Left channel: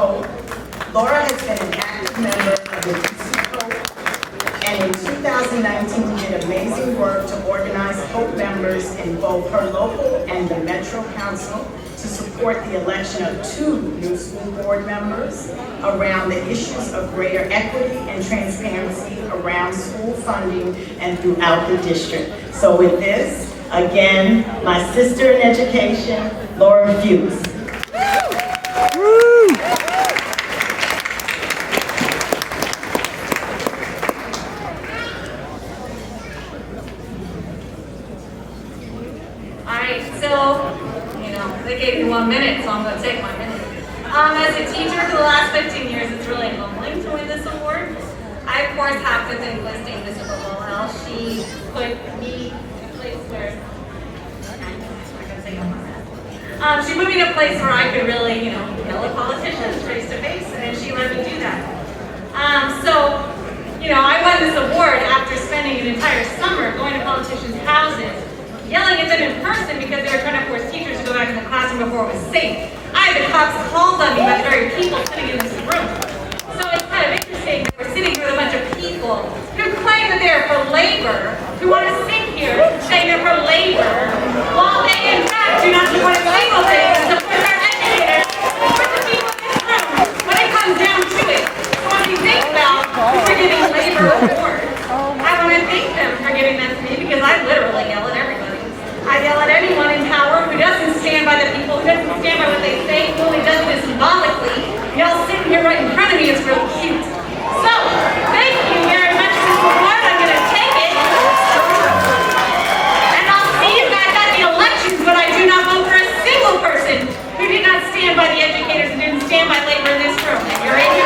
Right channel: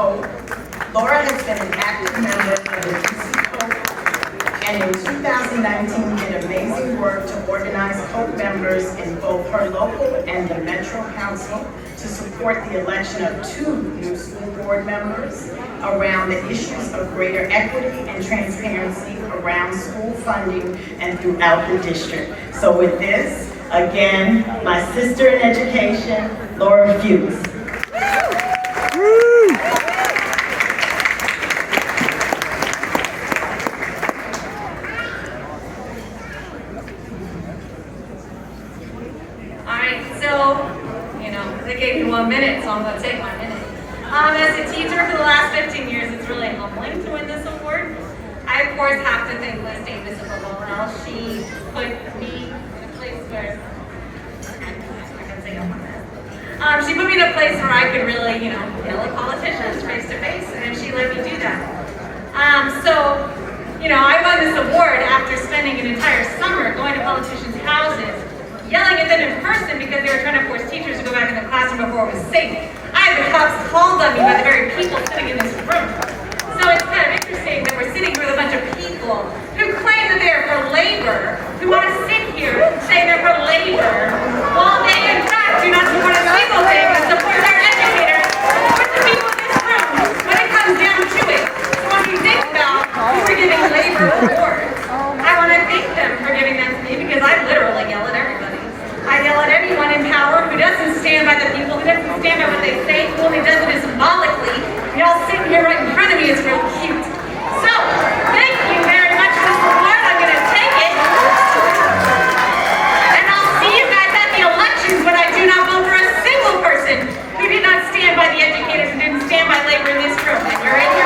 Hope. Laura has been an active member of the Fuchs and in 2019 did amazing work to organize Hope members in both her local and the Metro Council to support the election of 2 new school board members around the issues of greater equity and transparency around school funding and throughout the district. So with this, again, my sister in education, Laura Fuchs. They gave me 1 minute, so I'm going to take my minute. As a teacher for the last 15 years, it's really humbling to win this award. I, of course, have to thank Miss Davis for how she put me in a place where she put me in a place where I could really, deal with politicians face to face, and she let me do that. I won this award after spending an entire summer going to politicians' houses, yelling at them in person because they were trying to force teachers to go back in the classroom before it was safe. I had the cops called on me by the very people sitting in this room. So it's kind of interesting that we're sitting here with a bunch of people who claim that they're for labor, who want to sit here saying they're for labor, while they in fact do not support a single thing to support their educators, support the people in this room when it comes down to it. So when you think about who we're giving labor awards, I want to thank them for giving them to me because I literally yell at everybody. I yell at anyone in power who doesn't stand by the people, who doesn't stand by what they say, who only does it symbolically. Y'all sitting here right in front of me is real cute. So, thank you very much for this reward. I'm going to take it. And I'll see you guys at the elections, but I do not vote for a single person who did not stand by the educators and didn't stand by labor in this room. You're in